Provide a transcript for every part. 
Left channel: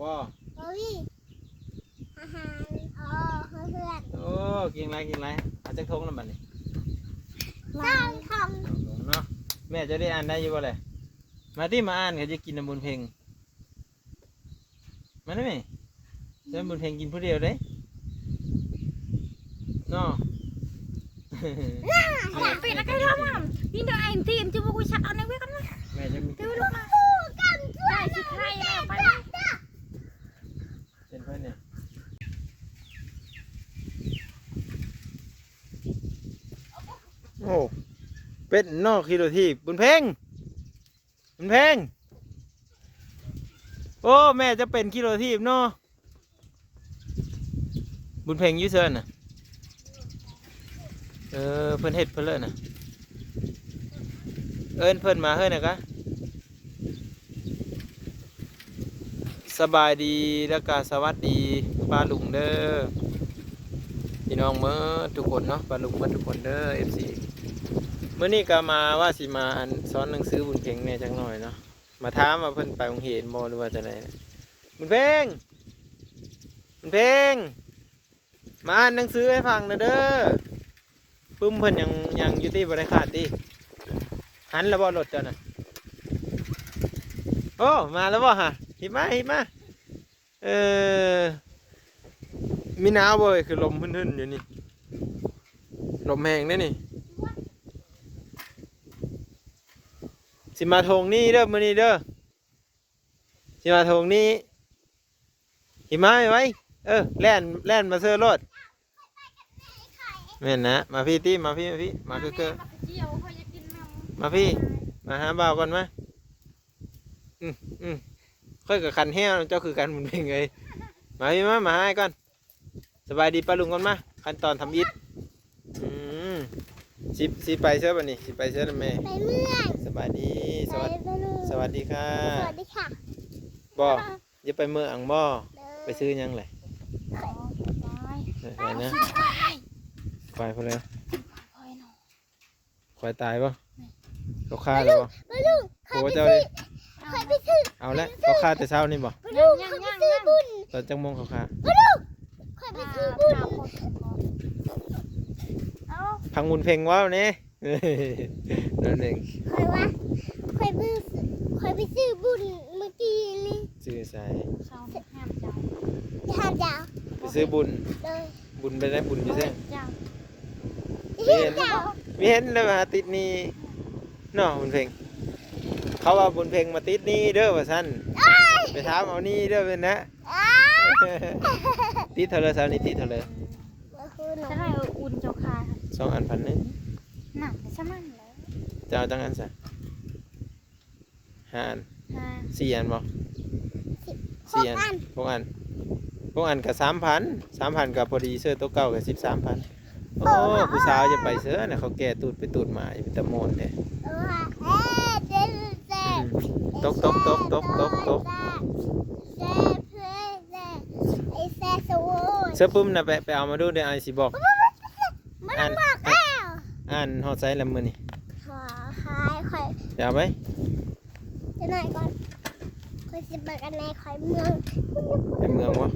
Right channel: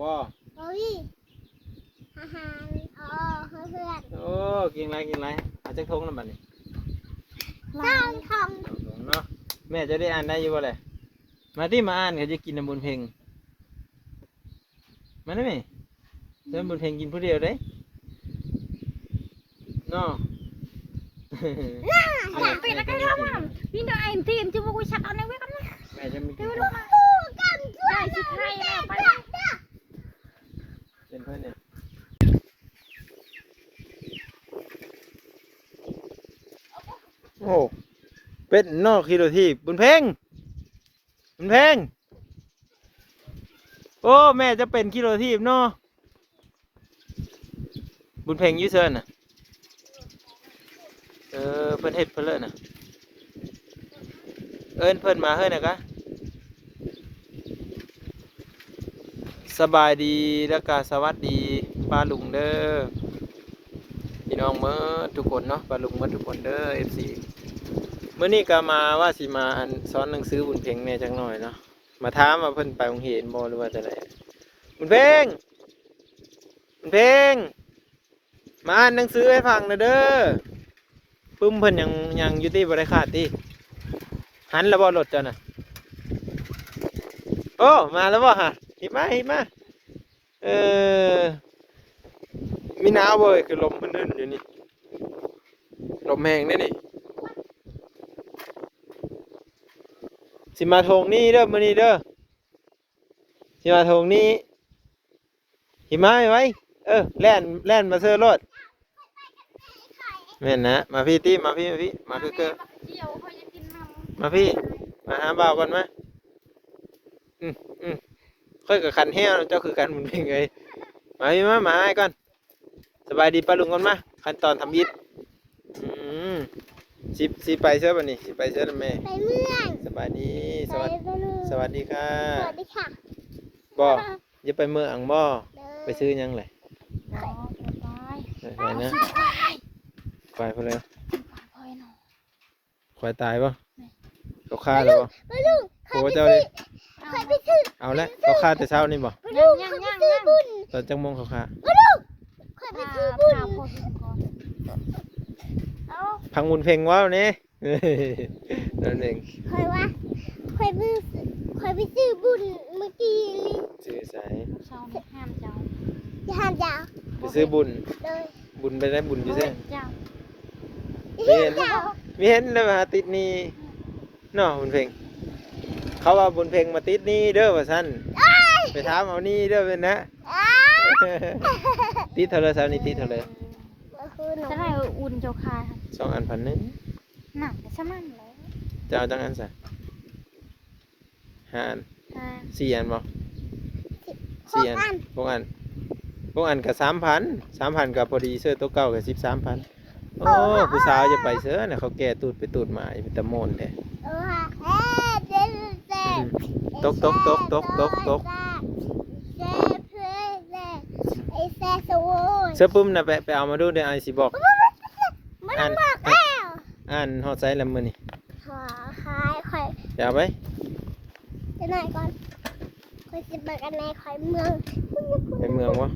บ่พี่อาหารเพื่อนโอ้กินไรเอาจักทงแล้วบัดนี้ ต้องท เนาะแม่จะได้อ่านได้อยู่บ่เลยมาที่มาอ่านเขาจะกินน้ำบุญเพลงมาได้ไหมน้ำบุญเพลงกินผู้เดียวได้เนาะ ไปแล้วก็ลงนี่ได้ทีมที่พวกกูชักเอาในไว้กันนะ แม่จะมีกิน ำกันช่วย ได้สิใครไป เป็นเพื่อนเนี่ยโอ้เป็นนอกคิโลทีบุญเพลงโอ้แม่จะเป็นคิโลทีเนาะบุญเพลงยูเซอร์น่ะเพิ่นเฮ็ดเพิ่นเลิศน่ะเอิ้นเพิ่นมาเฮ้ยน่ะกะสบายดีแล้วก็สวัสดีป้าลุงเด้อพี่น้องเมื่อทุกคนเนาะป้าลุงเมื่อทุกคนเด้อ FC เมื่อนี้ก็มาว่าสิมาสอนหนังสือบุญเพลงแม่จังหน่อยเนาะมาถามว่าเพิ่นไปโรงเรียนบ่หรือว่าจังได๋บุญเพลงมาอ่านหนังสือให้ฟังหน่อยเด้อปึ้มเพิ่นยังอยู่ที่บ่ได้ขาดติหันแล้วบ่รถเจ้าน่ะโอ้มาแล้วบ่ฮะหิมามีหนาวบ่เอ้ยคือลมพื้นๆอยู่นี่ลมแห้งเด้นี่สิมาทงนี่เด้อมื้อนี้เด้อสิมาทงนี่หิมะไว้แล่นมาเสื้อรถแม่นนะมาพี่ติมาพี่มาเก้อ เจียวเขาอยากกินน้ำ มาพี่มาหาบ่าวก่อนมาค่อยกับคันแห้วเจ้าคือกันมันเป็นไงมาพี่มาให้ก่อนสบายดีป้าลุงก่อนมาขั้นตอนทำยิดสิไปเชื่อป่ะนี่สิไปเชื่อแม่ ไปเมื่อย สบายดีสวัสดีค่ะ สวัสดีค่ะ บ่อย่าไปเมืองบ่ไปซื้อยังไงไปนะควายพอแล้วควายตายป่ะเขาฆ่าแล้วป่ะโหเจ้าดิเอาละเขาฆ่าแต่เช้านี่ป่ะ ยัง ตอนจังมงเขาฆ่า คอยไปซื้อบุญ พังมุนเพลงว้าวนี่นั่นเอง คอยว่าคอยไปซื้อบุญเมื่อกี้นี่ ซื้อสาย ชอบห้ามเจ้า จะทำยาว ไปซื้อบุญ เลย บุญไปได้บุญอยู่ใช่ เจ้า ไม่เห็นเลยมาติดนี่เนาะบุญเพลงเขาว่าบุญเพลงมาติดนี่เด้อว่าสั้นไปถามเอานี่เด้อเป็นนะติดเท่าไรสาวนี่ติดเท่าไร จะได้อุ่นเจ้าค่ะ 2 อัน1,000หนักใช่ไหมแล้ว จะเอาจังอันซะ5 อัน 4 อันบ่4 อัน6 อัน6 อันกับ3,000กับพอดีเสื้อตัวเก่ากับ13,000โอ้ผู้สาวจะไปเสื้อน่ะเขาแก่ตูดไปตูดมาเป็นตะโมนแท้ตกไอ้แซ่สวเสื้อปุ้มน่ะไปเอามาดูเดี๋ยวไอ้สิบอก มันบอกแล้ว อ่านฮอดไซส์ละมื้อนี่ ขอคายคอย จะเอาไป จะไหนก่อนคอยสิบกันในคอยเมือง ไปเมืองบ่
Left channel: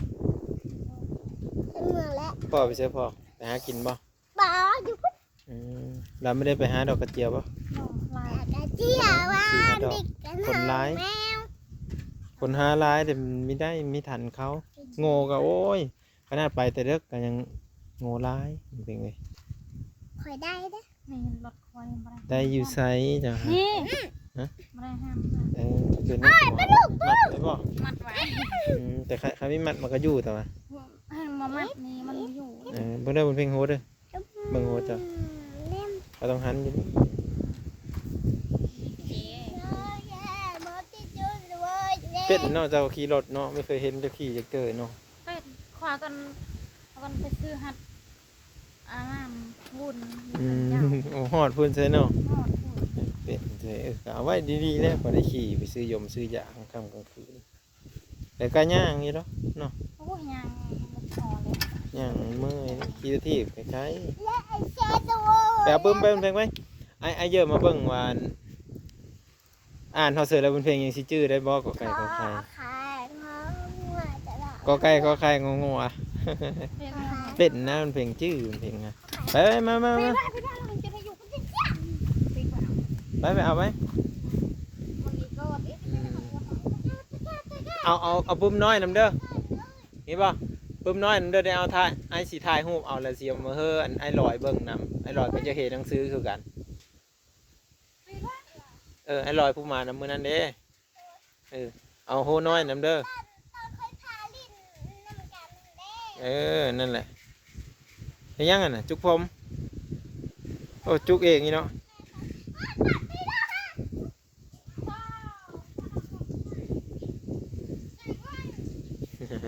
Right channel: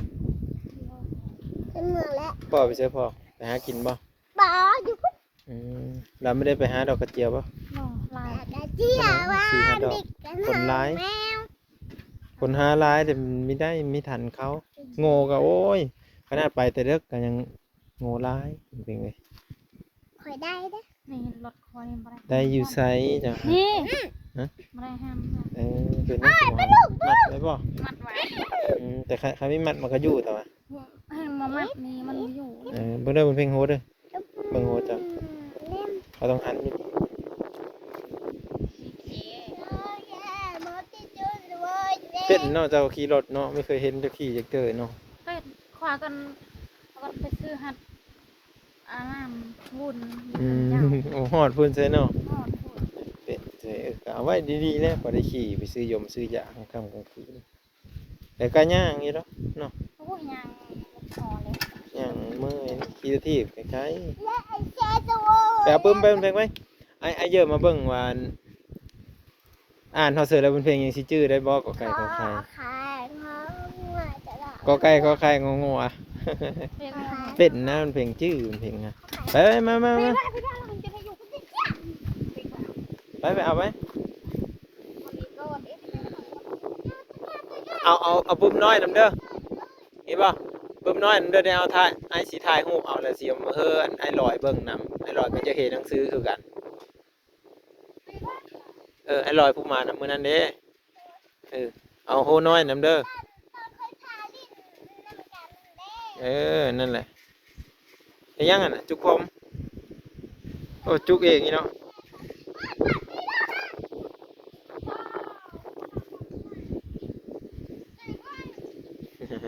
เป็นเมืองแล้ว พ่อไปเสื้อพ่อไปหากินบ่ บ่อยู่พุ่น เราไม่ได้ไปหาดอกกระเจียวบ่ ลาย กระเจียวว่า 4-5 ดอก คนร้าย แมว คนหาหลายแต่ไม่ได้มีทันเขาโง่ก็โอ้ยขนาดไปแต่เด็กก็ยังโง่ร้ายเป็นไง คอยได้เด้อ นี่รถคอยมา ได้อยู่ไซจ้ะ นี่มาได้ห้าม เป็นนักมัดไว้บ่ มัดไว้ แต่ใครไม่มัดมันก็อยู่แต่ว่า ให้มามัดนี่มันอยู่ เบิ่งได้บนเพลงโฮเด้อเบิ่งโฮจ้ะ เล่ม เขาต้องหันอยู่ เป็ดเนาะเจ้าขี่รถเนาะไม่เคยเห็นเจ้าขี่จะเกิดเนาะ เป็ดขวากันไปซื้อหัดอาน้ำวุ่น โอ้ฮอดพุ่นใช่เนาะ หอดพูด เป็ดก็เอาไว้ดีๆแล้วพอได้ขี่ไปซื้อยมซื้อยาค่ำกลางคืนแต่ก็ย่างอยู่เนาะ โอ้ยยังพอเลย ย่างเมื่อยขี่ทีบคล้าย และไอ้แซ่สว ๆแต่เอาปึ้มไปบนเพลงไหมไอเยอะมาเบิ่งวานอ่านเขาเสือแล้วบนเพลงยังสิจื้อได้บ่ก็ไก่ก็ไข่ ขายของ ก็ใกล้ก็ใกล้งงๆอ่ะ เรียน เป็นนะมันเพลงชื่อมันเพลงอะไปมามา ไป มา บ้านไปบ้านเราจะได้อยู่กันที่จ้าไปบ้าน ไปเอาไป วันนี้ก็วันนี้ เอาปุ่มน้อยนำเด้อนี่ป่ะปุ่มน้อยนำเด้อได้เอาถ่ายไอ้สีถ่ายรูปเอาแล้วสิเอามาเฮือไอ้ลอยเบิ่งนำไอ้ลอยก็จะเห็นหนังสือคือกันไอ้ลอยผู้มานำมือนั้นเด้เอาโหน้อยนำเด้อนั่นแหละเฮ็ดยังอ่ะน่ะจุกผมโอ้จุกเองนี่เนาะ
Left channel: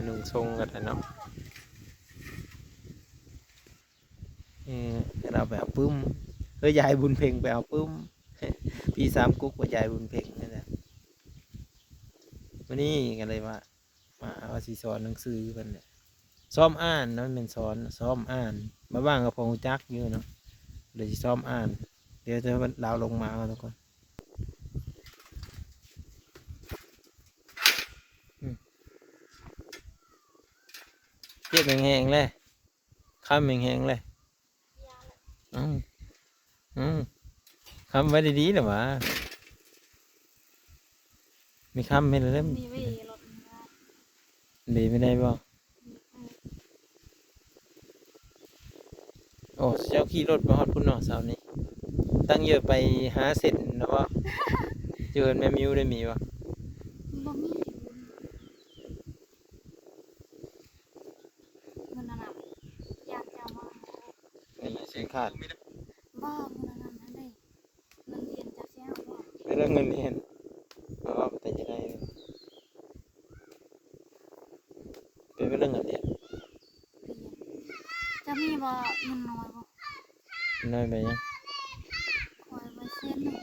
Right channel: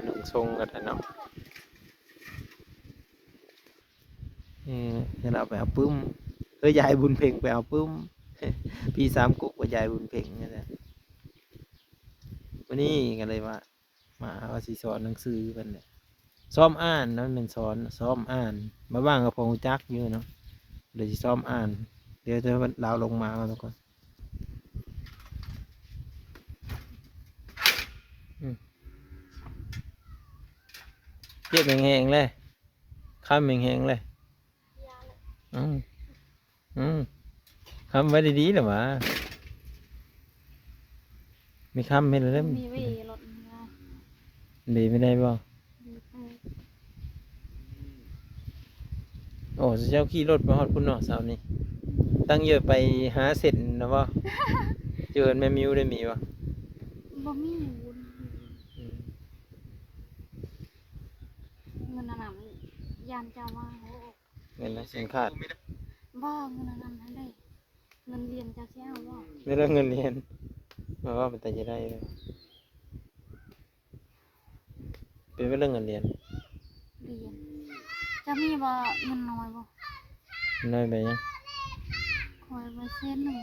นุ่งทรงกันนะเนาะให้เราไปเอาปึ้มยายบุญเพ่งไปเอาปึ้ม พี่สามกุ๊กว่ายายบุญเพ่งนั่นแหละวันนี้กันเลยว่ามาว่าสิสอนหนังสือกันเนี่ยซ้อมอ่านเนาะเป็นสอนซ้อมอ่านมาบ้างกับพงจักอยู่เนาะเดี๋ยวสิซ้อมอ่านเดี๋ยวจะเราลงมาเอาทุกคนเรียบแห้งๆเลยข้ามแห้งๆเลยคำไว้ดีๆหรอวะมีคำไม่ได้ มีไว้รถนะ ดีไม่ได้บ่โอ้เจ้าขี่รถมาฮอดพุ่นเนาะเสาร์นี้ตั้งเยอะไปหาเสร็จนะว่าเจอแม่มิวได้มีวะ บ่มีเงินนำยานเจ้ามา เงินนะเสียงขาด บ่เงินนำนั่นได้เงินเรียนจะเสียบ่ ไม่ได้เงินเรียนมาว่าแต่จะได้เป็นเรื่องเงินเรียน เรียนจะมีบ่เงินน้อยบ่ น้อยไปยัง คอยไว้เส้นหนึ่ง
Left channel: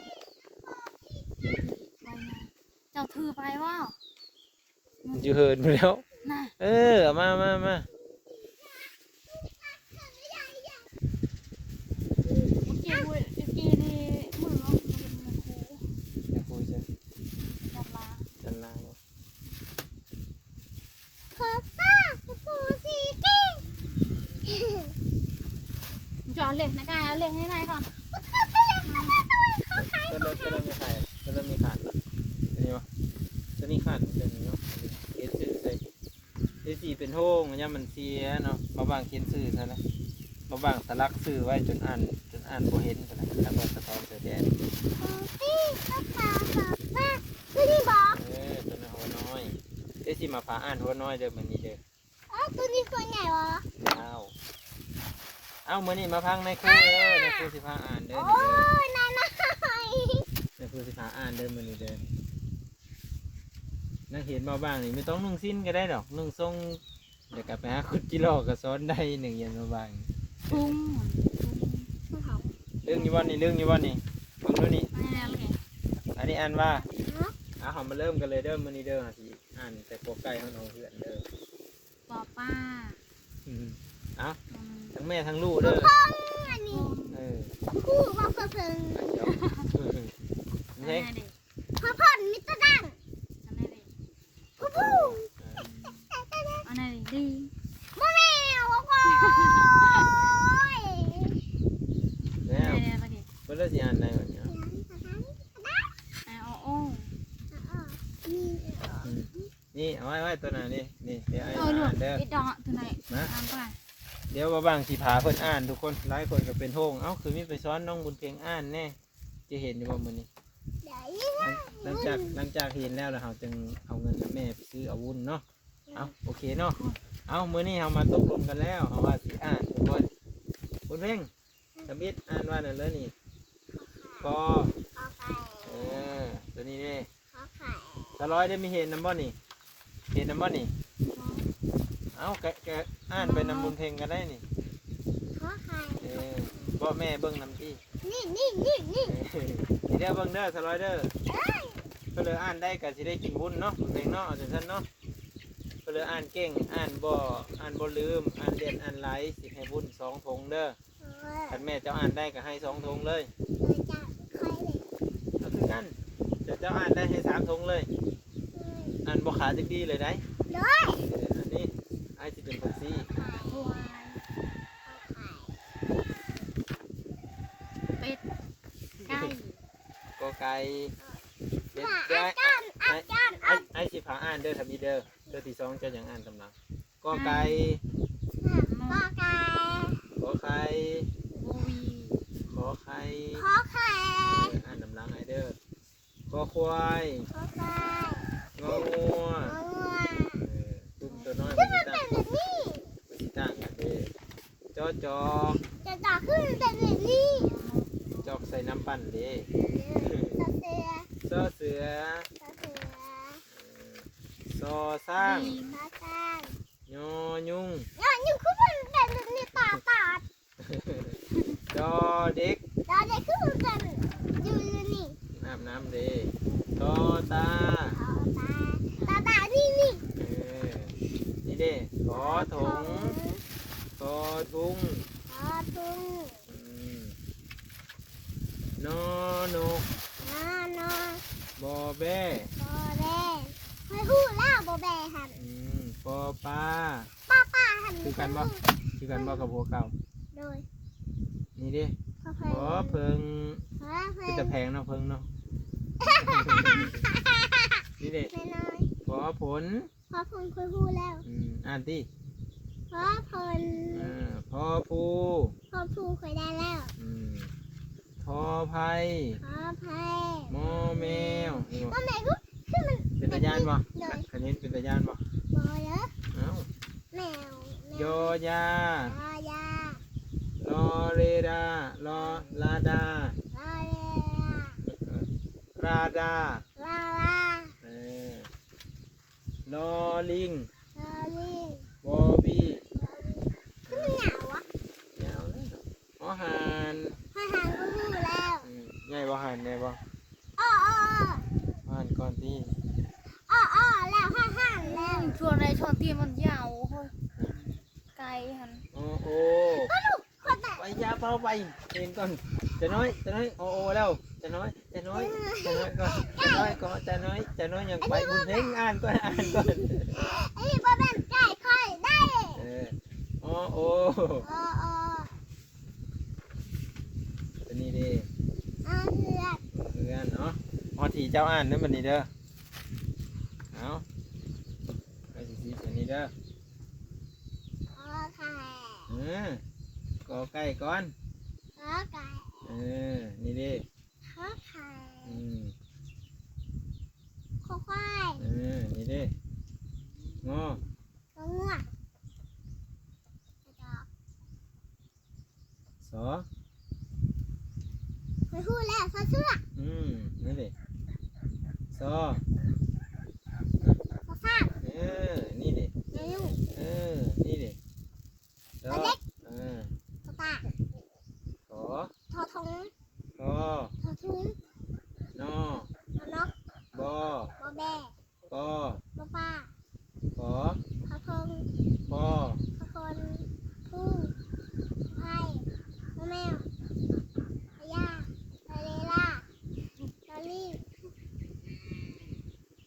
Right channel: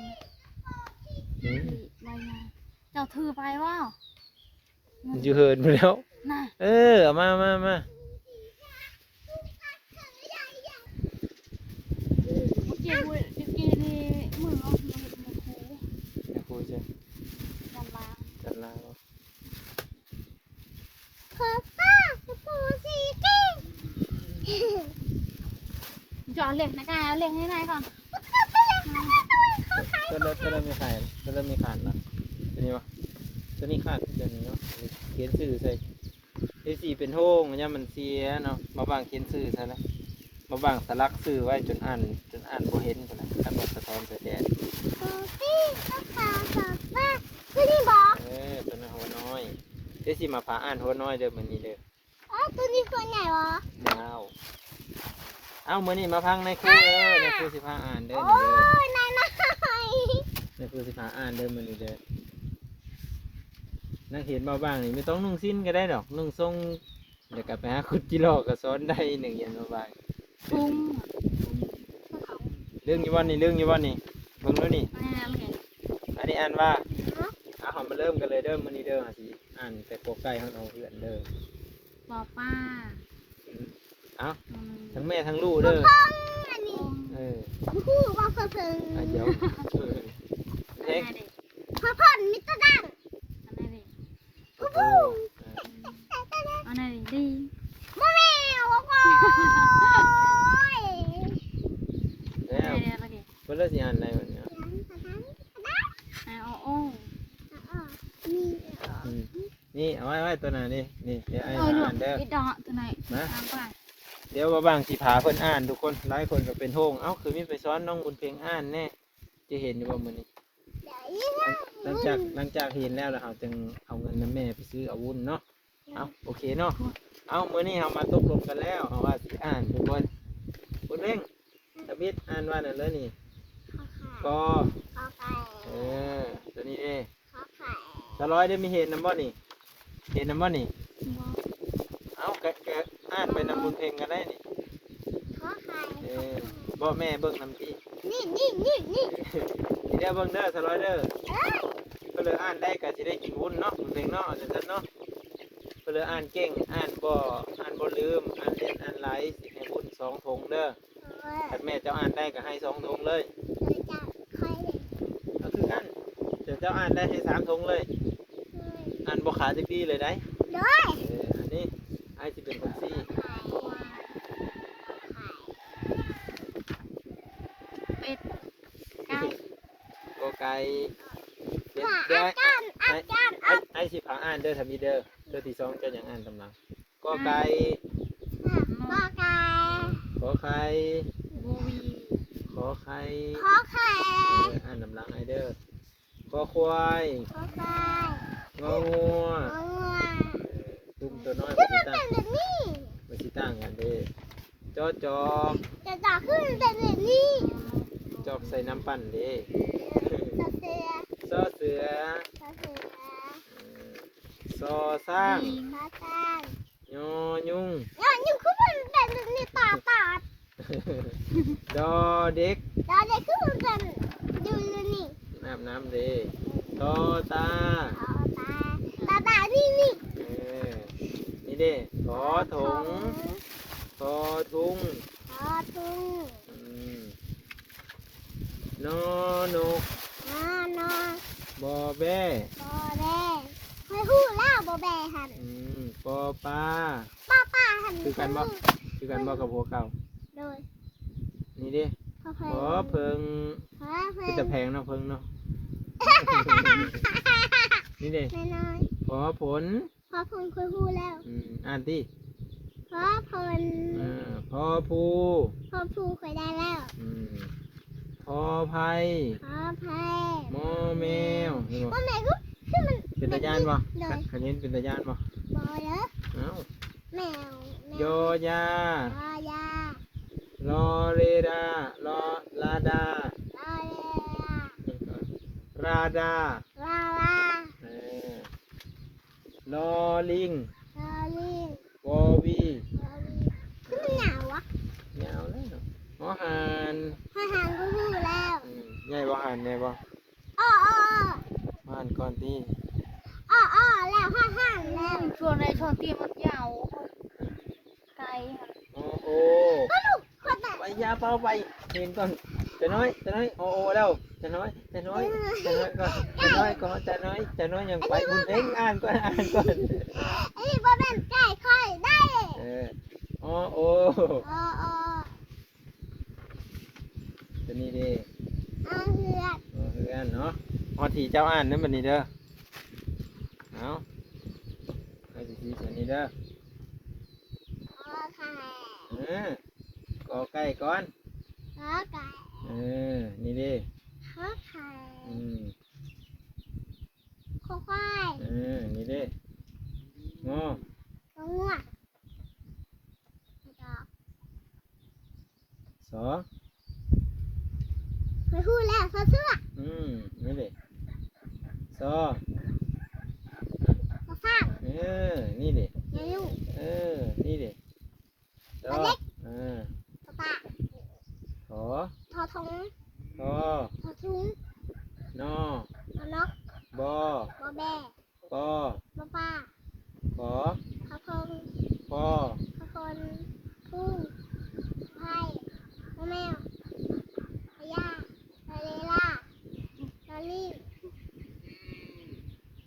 ใบงานเจ้าถือไปว่า มันจะเหินไปแล้ว น่ะ เอามา เจี๊ยบเจี๊ยบนี่มือเนาะมันหู อย่าคุยเช่น จันลา จันลาว ขอป้าปูสีกิ้ง จะเอาเหล็กนะกายเอาเหล็กให้นายก่อน ก็รถไม่ขายก็รถไม่ขาดละอันนี้วะตัวนี้ขาดตัวนี้เนาะเคสสื่อใส่เคสสี่เป็นโท่งเนี่ยมันเสียเนาะมาบางเคสสื่อใช่ไหมมาบางสลักสื่อไว้จนอ่านโบเห็นใช่ไหมทำแบบสะท้อนเสียแดง ขอพี่ข้าขอป้าไม่ได้บอก ตัวนี้หัวน้อยเคสสี่มาพาอ่านหัวน้อยเด้อมันนี่เด้อ ตัวนี้ตัวไหนวะ ยาวเอามื่อนี้มาพังในครูในครูสิพาอ่านเด้อ โอ้ นี่เด้อย นายน้อย ในครูสิพาอ่านเด้อมันนี่เด้อนักเห็นมาบ้างนี่ไม่ต้องนุ่งสิ้นก็ได้ดอกนุ่งทรงเดี๋ยวกลับไปหาคุดกิโลก็ซ้อนได้หนึ่งเย็นมาบ้าง ปุ้งก็เขา เรื่องนี้ว่านี่เรื่องนี้ว่านี่เบิ่งแล้วนี่ ไม่แล้วเลย อันนี้อ่านว่าหอมมาเริ่มกันเลยเด้อมันนี่เด้อหาสิอ่านแต่โปรไก่ของน้องเพื่อนเด้อ ปอป้า เอาทั้งแม่ทั้งลูกเด้อ อันนี้ อ คู่บอกเพิ่ง เดี๋ยว อัน เฮ้ ไหน ย เด็ก พ่อพ่อนมิตรดัง อันไหนเด็ก ผู้ผู้ อันไหนเด็กดี โมแมวโอ้ย แล้ อัน ว ไหนอะไรเด็ก ก็เลิกสิอ่านอะไรแบบนี้ โอ้ นี่เอาไว้ตัวไหนนี่เดี๋ยว เออเดี๋ยว อ่านเด้อ ไอ้ดอกตัวไหนตามไป เดี๋ยวว่าบางสิผาเพิ่นอ่านทุกคนหลายคนก็เป็นโฮงเอ้าคือมีไปซ้อนน้องบุญเพ็งอ่านแน่จะเห็นอยู่ว่ามื้อนี้หลังจากเห็นแล้วเราจึงเอาเงินแม่ไปซื้ออาวุธเนาะเอาโอเคเนาะเอามื้อนี้เรามาตกลงกันแล้วเอาว่าสิอ่านทุกคนบุญเพ็งตะบิดอ่านว่านั่นเลยนี่ก็ตัวนี้เด้ปลาร้อยได้มีเห็นน้ำบ่นี่เห็นน้ำบ่นี่เอาแกอ่านไปนำบุญเพ็งกันได้นี่บ่แม่เบิ่งน้ำที่ นี่ เดี๋ยวเบิ่งเด้อสไลเดอร์ก็เลยอ่านได้ก็สิได้กินวุ้นเนาะบุญเพ็งเนาะเอาจังซั่นเนาะก็เลยอ่านเก่งอ่านบ่ลืมอ่านเด่นอ่านหลายสิให้บุญ2 ถุงเด้อถ้าแม่เจ้าอ่านได้ก็ให้2 ถุงเลยเอาคือกันเจ้าอ่านได้ให้3 ถุงเลยอ่านบ่ขาดจักดีเลยได้เดี๋ นี้ไอ้สิเป็นคนซี่ ควายเป็ดไก่ กอไก่เดี๋ยว ว่า เดี๋ยว อาจารย์อาจารย์อาจารย์ ไอ้สิพาอ่านเด้อทำนี้เด้อเด้อที่สองจะอย่างอ่านตำลังกอไก่ ว่าไก่ ขอไข่ บูวี ขอไข่ ขอไข่ อ่านตำลังไอ้เด้อขอควาย ขอไข่ งองัว งองัว ตุ้มตัวน้อย ขึ้ ไป นมา สิ เป็ ตั้ น ง แบบนี้ ไปสิตั้งกันเด้จอจอบ จะต่อขึ้นเป็นแบบนี้ จอบใส่น้ำปั่นเด้ ต่อเสือ ซอเสือ ต่อเสือ ซอสร้าง ลิง ต่อจาน ยอยุ่ง ยังขึ้นเป็นแบบนี้ตาตา ดอเด็ก ตาเด็กขึ้นเป็นอยู่นี่ น้ำน้ำเด้ตอตา ตานี่นี่ เออนี่เด้ขอถงขอทุง ขอทุ่ง อืมนอนก นอน บอแบ้ บอแบเคยพูดแล้วบอแบหัน ปอปลา ป้าหัน คือกันบ่คือกันบ่กับหัวเก่า โดย นี่เด้ พอเพ ขอเพิง พอเพ คือแต่แพงเนาะเพิงเนาะนี่เด้ น้อย ขอผล พอพลเคยพูดแล้ว อ่านที่ พอพล พอภู พอพูเคยได้แล้ว พอไผ่ พอเพ มอแมวเห็นบ่ ว่าไหนก็ที่มัน เป็นตาญาณบ่ เลย คันนี้เป็นตาญาณบ่ บอเยอะ เอ้า แมว โยยา รอยาร อเรดา รอลาดา รอเร ราดา ลาลา เออลอลิง รอลิง วอวี รอลิงที่มันเหงาวะ ยาวแล้วหอหาน ทหารก็พูดแล้ว ใหญ่บ่หานแม่บ่ อ้ออ้อ หานก่อนที่ อ้ออ้อแล้วทหารแล้ว ช่วงในช่วงที่มันยาวไก่หัน โอ้โอ ก็ลูกคนไหน ไปยาเป้าไปเห็นก่อนแต่น้อยโอ้โอแล้วแต่น้อยก่อนแต่น้อยก่อนแต่น้อยยังไปคุณเพ่งอ่านก่อน ไอ้นี่บ่เป็นไก่ค่อยได้ เออโอ้โอ อ้ออ้อ ตัวนี้ดิ อ้อเหือด เพื่อนเนาะพอทีเจ้าอ่านนั่นบันนี้เด้อเอาไปสิตัวนี้เด้อ อ้อไข่ กอไก่ก่อน อ้อไก่ นี่ดิ อ้อไข่ ข้อควาย นี่ดิงอ ตัวงัวกระจอก สอ เคยพูดแล้วซอเสื้อ นี่ดิซอ ซอฟ้า นี่ดิ เนื้อลูก นี่ดิซอ ตัวเล็ก ซอตา ขอ ทอทง ทอ ทอทุง นอ ทอนก บอบ อแบ ปอบ อป้า ขอ ทอพง พอ ทอคนผู้ไผ่ทอแมวทอยาทอเลล่าทอลี่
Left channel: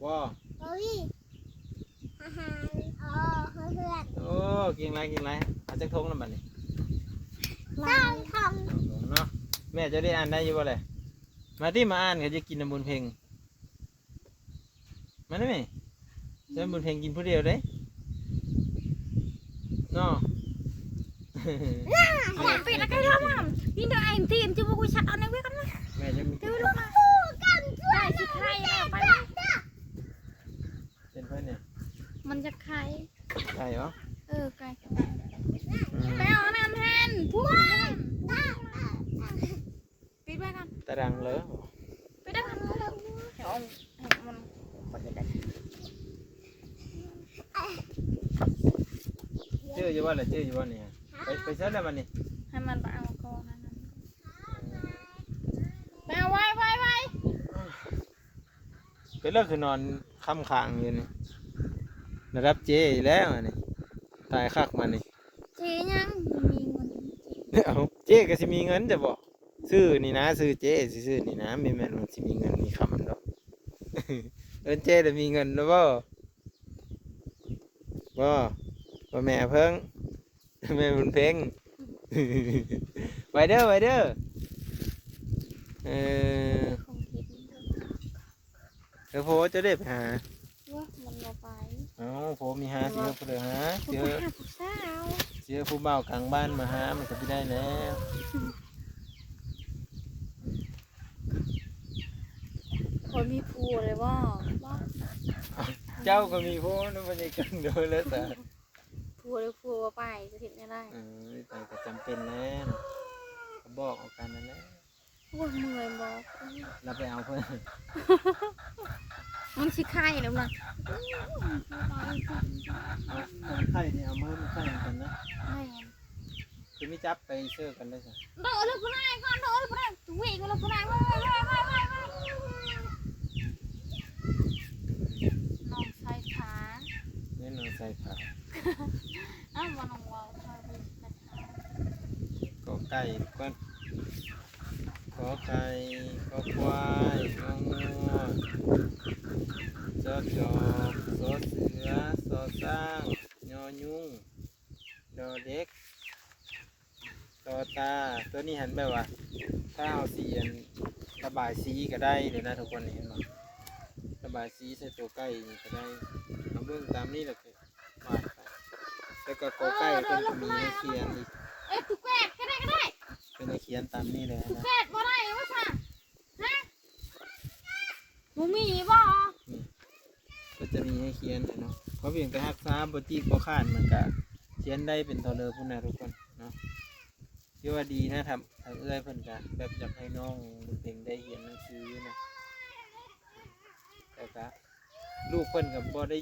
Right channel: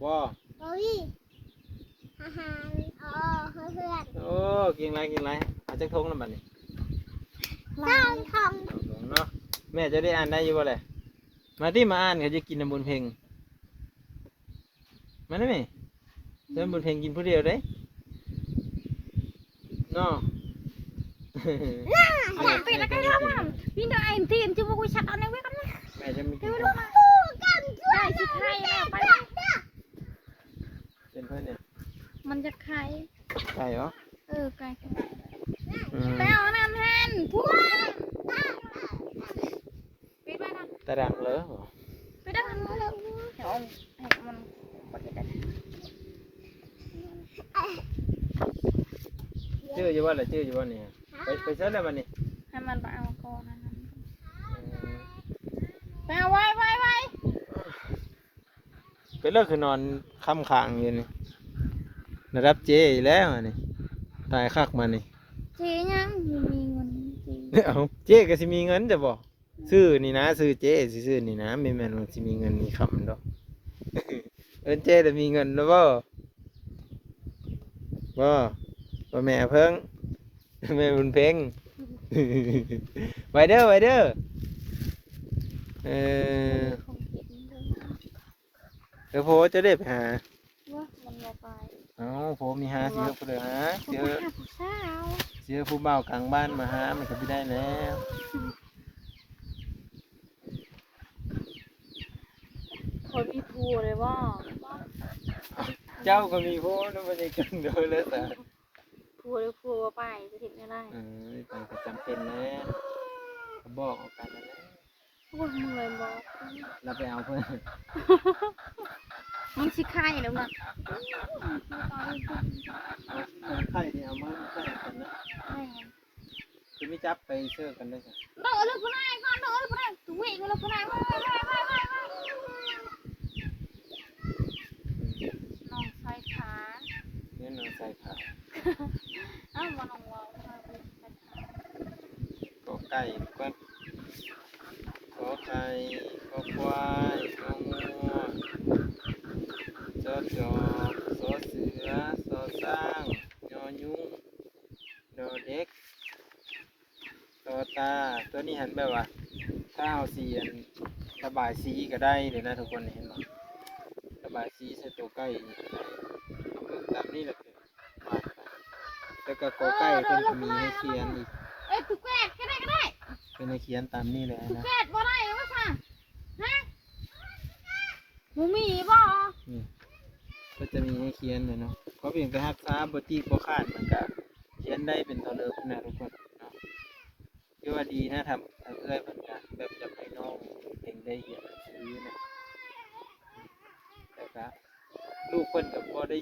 วอ โอ้ยอาหารอ๋อเพื่อน โอ้กินไรเอาจักทงน้ำมันนี่ สร้างท เนาะแม่จะได้อ่านได้อยู่บ่เลยมาที่มาอ่านเขาจะกินน้ำบุญเพลงมาได้ไหมจะบุญเพลงกินผู้เดียวได้เนาะ เป็ดแล้วก็เรื่องมันพี่ได้เอ็มทีมจะว่ากูชักเอาในไว้กันนะ แม่จะมีกิน ำผู้กันช่วย ได้สิใครอะไป เป็นเพื่อนเนี่ย มันจะใคร ใช่เหรอ ไก่ไปเอาน้ำแทนทุกปิดไปก่อน ตารางเลย ปิดได้ก่อนเอามันกดไปได้ ชื่ออยู่ว่าอะไรชื่ออยู่ว่าเนี่ยไปเสิร์ชได้บ้านี่ ให้มันไปเอาก่อนไปเอาไว้ ไปเลิกคือนอนค่ำค้างอยู่นี่ระดับเจอีแล้วอันนี่ตายคักมานี่ เจ๊ยังมีเงิน เอาเจก็สิมีเงินจะบอกซื้อนี่นะซื้อเจสิซื้อนี่นะไม่แม่นว่าสิมีเงินมีคำดอก เออเจจะมีเงินแล้วบ่ บ่แม่เพิ่งแม่บุญเพ็ง ไว้เด้อเออ คงคิดเด้อ เดี๋ยวโพจะได้ไปหา ว่ามันบ่ไป เอ้าโพมีหาสิครับเด้อหาเจอ หาผู้สาว เจอผู้บ่าวกลางบ้านมาหามันก็ไม่ได้แล้ว คนมีผัวเลยว่า เจ้าก็มีโพนึกว่าจะกันเด้อแล้วแต่ ผัวเลยผัวบ่ไปจะเห็นได้ ไปก็จำเป็นแล้วก็บอกเอากันนั่นแหละ โอ้ยเมื่อยบอก เราไปเอาเพิ่น มันสิไข่แล้วนะ เอาคนไข้นี่เอามาไข้กันนะ แม่ คือไม่จับไปเชื่อกันได้จ้ะ โดดลูกผู้นายก่อนโดดลูกผู้นายวิ่งลูกผู้นายน้องใส่ขา เนี่ยนอนใส่ขาว อ้าวบ่น้องว่า ก็ไก่ก้อนขอไก่ก็ควายก็งัวจอจอกซอเสือซอสร้างยอยุ่งดอเด็กตอตาตัวนี้เห็นแบบว่าถ้าเอาสีอันระบายสีก็ได้เลยนะทุกคนเห็นไหมระบายสีใส่ตัวไก่ก็ได้เอาเบิ่งตามนี้แหละคือวาดไปแล้วก็กอไก่เพิ่นก็มีให้เขียนอีก เอ้ยตุกแกดก็ได้ เป็นให้เขียนตามนี้เลย ตุก นะ แกดบ่ได้ว่าซั่นฮะบ่มีบ่ นี่ก็จะมีให้เขียนเลยเนาะเพราะเพียงแต่ฮักษาบตีบ่ขาดมันก็เขียนได้เป็นเท่าเดิมพุ่นนะทุกคนเนาะที่ว่าดีนะครับทางเอื้อยเพิ่นก็แบบอยากให้น้องเพ่งได้เขียนหนังสือนะแต่ก็ลูกเพิ่นก็บ่ได้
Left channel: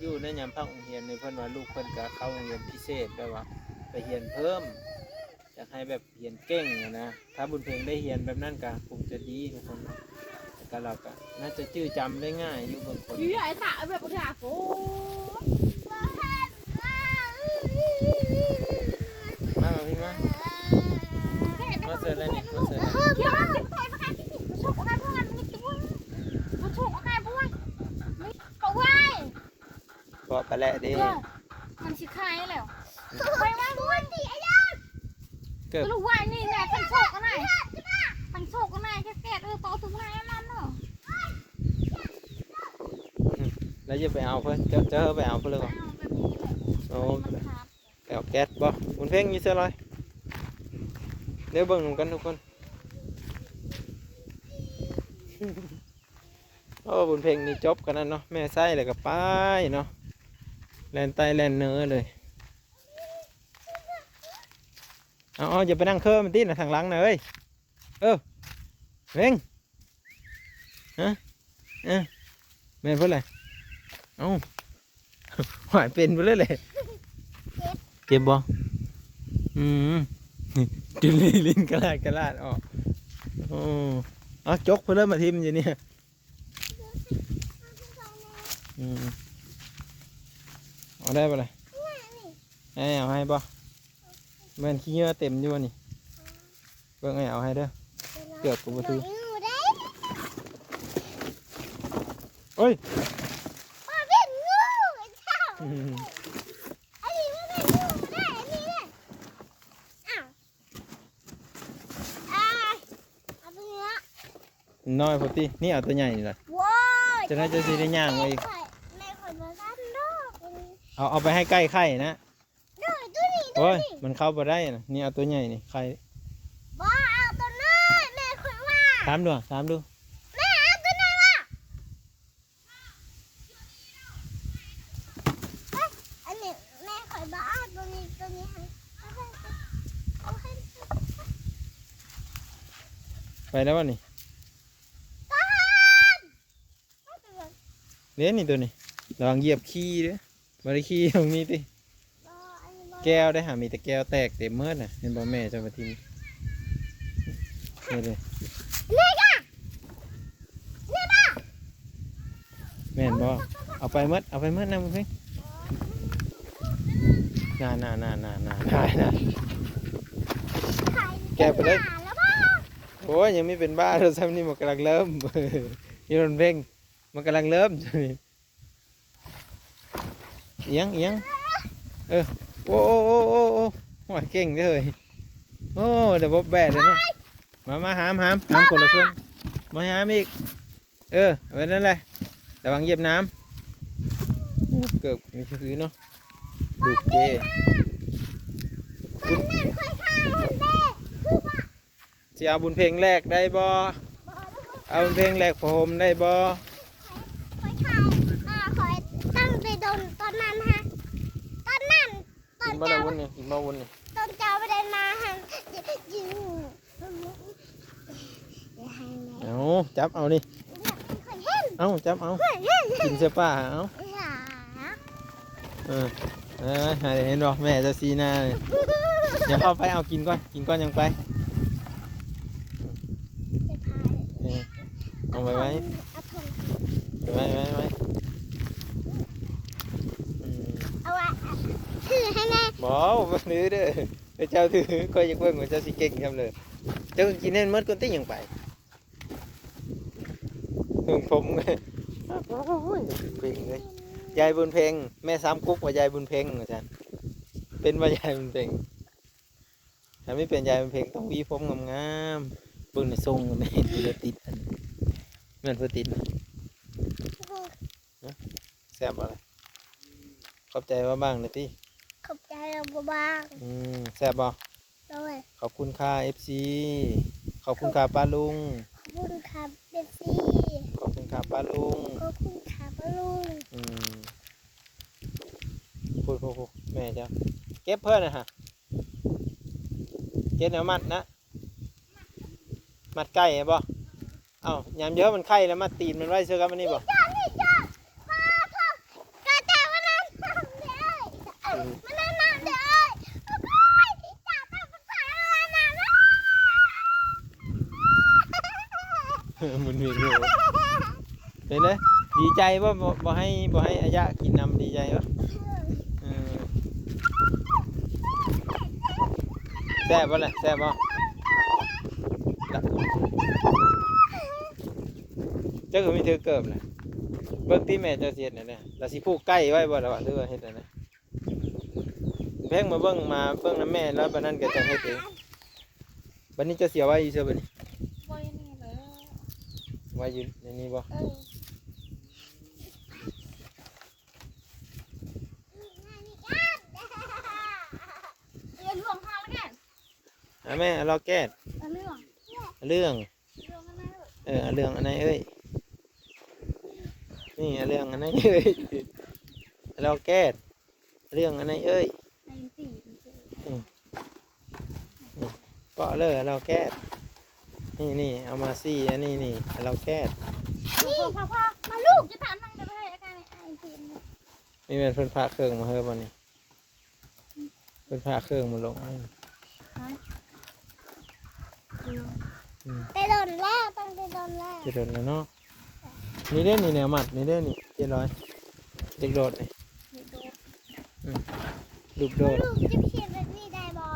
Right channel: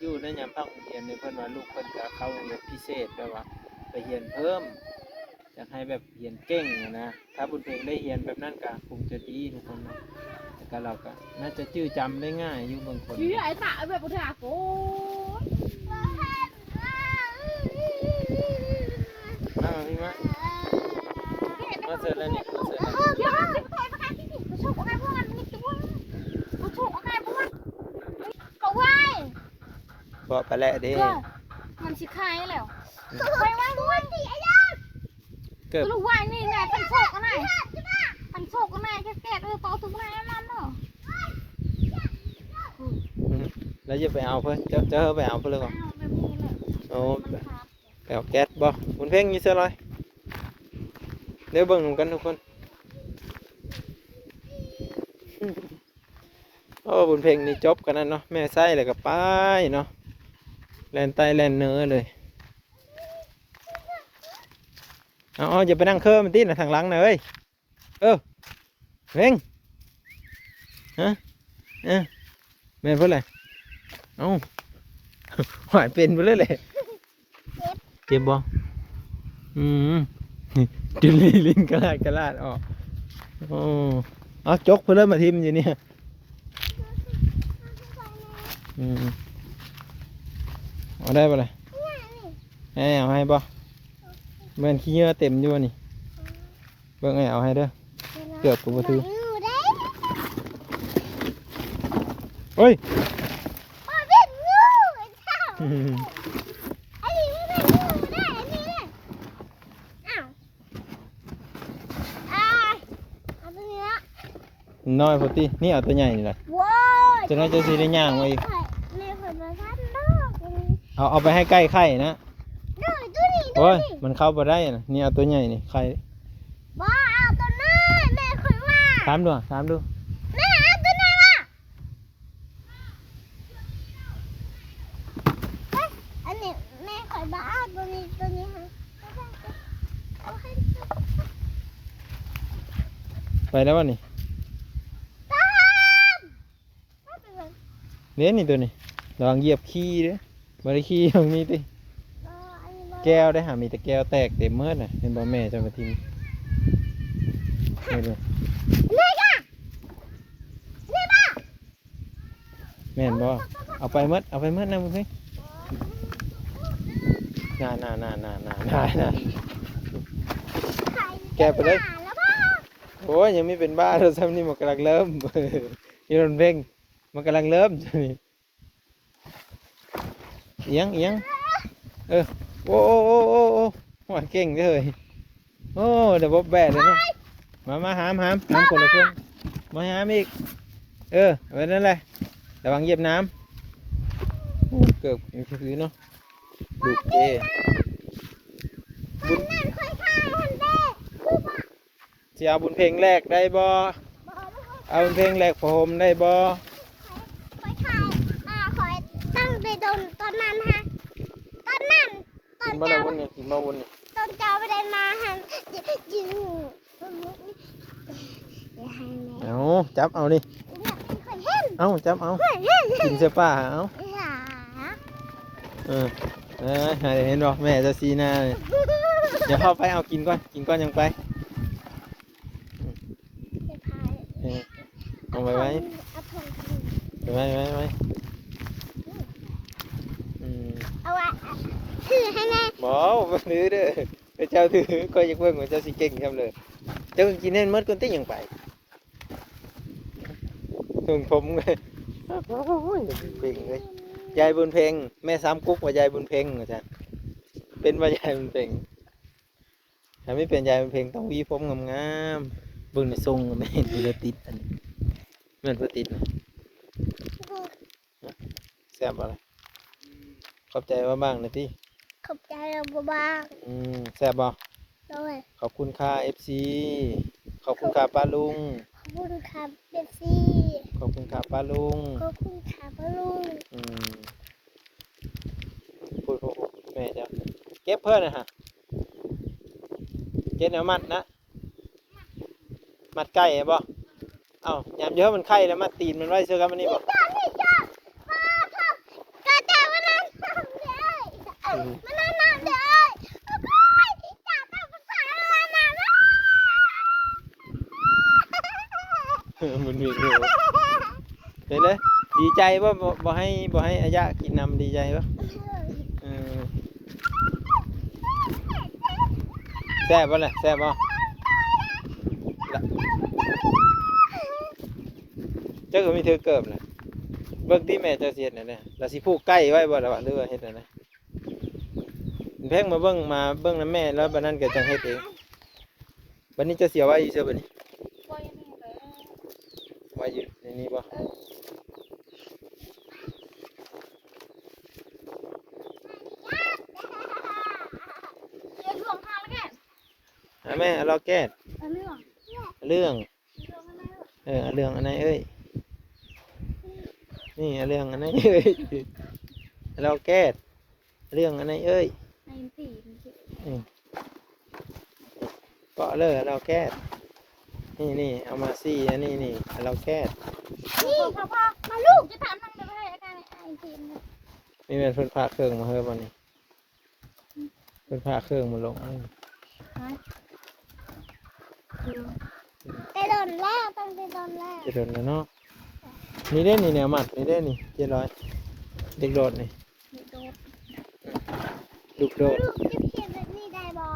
อยู่ในยามพักโรงเรียนเนี่ยเพิ่นว่าลูกเพิ่นก็เข้าโรงเรียนพิเศษแบบว่าไปเรียนเพิ่มอยากให้แบบเรียนเก่งอะนะถ้าบุญเพลงได้เรียนแบบนั้นก็คงจะดีทุกคนเนาะแต่ก็เราก็น่าจะจื้อจำได้ง่ายอยู่บางคน พี่ไอ้ตาแบบบ่ได้โอ้ มาพี่มาเสร็จแล้วนี่มาเสร็จแล้ว เดี๋ยวสิไปประกันที่สิชกอะไรพวกนั้นมันตัวมันชกอะไรพวกนั้นเขาไว้ บอกไปแล้วเด้ มันสิคายแล้วไปไว้ด้วยดิไอ้ยา เกือบ ลูกว่านี่ไงมันโชกกันไหนมันโชกกันไหนแก่ๆต่อถึงไหนมันเนาะ แล้วจะไปเอาเพิ่นเจอไปเอาเพิ่นเลยก่อนโอ้ไปเอาแก๊สบ่บุญเพลงอยู่เสื้อลอยเดี๋ยวเบิ่งกันทุกคนโอ้บุญเพลงนี่จบกันนั่นเนาะแม่ไส้เลยกับป้ายเนาะแลนไตแลนเนื้อเลยเอาอย่าไปนั่งเครื่องมันตีนะทางหลังนะเอ้ยเร่งฮะแม่เพื่ออะไรเอ้าหายเป็นไปเลยเจ็บบ่จุลีลิ้นกระลาดออกโอ้เอาจกเพื่อเริ่มมาทิมอยู่เนี่ยเอาได้ปะเลยเอาให้บ่เบิ่งขี้เยื่อเต็มอยู่นี่เบิ่งเอาให้เด้อเกือบกูบ่ถือโอ้ย เป็นงูเจ้าไอ้นี่เป็นงูได้อันนี้เลยอ้าวเอาตัวนี้ละ น้อยพอตีนี่เอาตัวใหญ่นี่แหละ ว้าว จะน่าจะสีได้ย่างไว้อีก ในผลประทานโลก เอาไปให้ใกล้ไข่นะ ดูตัวนี้ดู โอ้ย นี่ มันเข้าไปได้นะนี่เอาตัวใหญ่นี่ไข่ บ้าเอาตัวนั้นแม่คุยว่า ถามดู แม่เอาตัวนั้นล่ะอันนี้แม่คุยบ้าตัวนี้ให้เอาให้ ไปแล้ววะนี่ ตาม เลี้ยนี่ตัวนี้ลองเหยียบขี้เด้อบริขี้ตรงนี้ติแก้วได้หามีแต่แก้วแตกเต็มเมื่อน่ะเห็นบ่แม่จะมาทิ้งนี่เลยแม่นบ่เอาไปเมื่อนะมึงเฮ้ยน่าแกไปเลยโอ้ยยังไม่เป็นบ้าเราซ้ำนี่มันกำลังเริ่ม ยี่รนเพ่งมันกำลังเริ่มใช่ไหมเอียง เ โอ้โอ้โอ้โอ้โอ้หัวเก่งเลยโอ้เดี๋ยวบบแบะเลยเนาะมาหามคนละเชือกมาหามอีกไว้นั่นเลยระวังเหยียบน้ำโอ้เกือบมีชื่อเนาะดูเจบุญ นั่นค่อยข้าวคนเด้คือว่า สิเอาบุญเพลงแรกได้บ่เอาบุญเพลงแรกผมได้บ่ ค่อยข้าวคอยตั้งไปโดนตอนนั้นฮะตอนนั้นตอ กิ น นบ่ละ เจ้า วุ้นเนี่ยกินบ่วุ้นเนี่ย ตอนเจ้าไม่ได้มาฮะยิงอย่าให้แม่ เอาจับเอาดิ อย่าค่อยเห็น เอาจับเอา ค่อยเห็น กินเสื้อป้าเอา อย่า หาเห็นบ่แม่จะซีหน้าเลยเดี๋ยวเข้าไปเอากินก่อนยังไป จะพาย เอาไว้ เอาถุง ไว้เอาไว้ถือให้แม่ บ่บ่ถือเด้อเจ้าถือก็ยังเบิ่งว่าเจ้าสิเก่งจังเลยเจ้ากินเห็นหมดก่อนติยังไปถึงผมเลยโอ้ยเก่งเลยยายบุญเพ็งแม่ซ้ำกุ๊กว่ายายบุญเพ็งอาจารย์เป็นว่ายายบุญเพ็งถ้าไม่เป็นยายบุญเพ็งต้องหวีผมงามๆเบิ่งในทรงไม่เห็นเพื่อติดอันนี้เหมือนเพื่อติดนะแซ่บอะไรขอบใจว่าบ้างนะพี่ ขอบใจเราบ้าง แซ่บบ่ ด้วย ขอบคุณค่ะ FC ขอบคุณค่ะป้าลุง ขอบคุณค่ะเบสซี่ ขอบคุณค่ะป้าลุง ขอบคุณค่ะป้าลุง พูดแม่เจ้าเก็บเพื่อนนะฮะเก็บแนวมัดนะมัดไก่บ่เอ้ายามเยอะมันไข่แล้วมัดตีนมันไว้เสื้อกันมันนี่บ่ จ้านี่จ้าพ่อจ้ามานั่งน้ำเด้อมานั่งน้ำเด้อพ่อจ้าต้องภาษาอะไรนะ มันมีอยู่เห็นเลยดีใจว่าบ่ให้อายะกินน้ำดีใจปะแซ่บบ่ล่ะแซ่บบ่เจ้าก็มีเธอเกิบเลยเบิ่งที่แม่เจ้าเสียดน่ะเนี่ยเราสิผูกใกล้ไว้บ่ล่ะวะหรือว่าเฮ็ดน่ะนะเพ่งมาเบิ่งน้ำแม่แล้วบัดนั้นก็จังเฮ็ดเองบัดนี้เจะเสียไว้อยู่เสื้อบัดนี้ไว้อยู่ในนี้บ่ เรียนรวมพาแล้วกัน แม่เราแก้ เรื่อง เรื่องอันไหนเอ้ยนี่เรื่องอันไหนเอ้ยเราแก้เรื่องอันไหนเอ้ย อันสี่ ก็เลยเราแก้นี่เอามาซี่อันนี้นี่เราแก้ นี่พ่อมาลูกจะถามนั่งไปให้กันไอ้ทีมเนี่ย นี่เป็นเพิ่นพาเครื่องมาเฮ้ยวันนี้เพิ่นพาเครื่องมาลง ไปโดนแล้วต้องไปโดนแล้ว จะโดนแล้วเนาะนี่เด้นี่แนวมัดนี่เด้นี่700เด็กโดดนี่ลูกโดด ลูกจะเขียนแบบนี้ได้บ่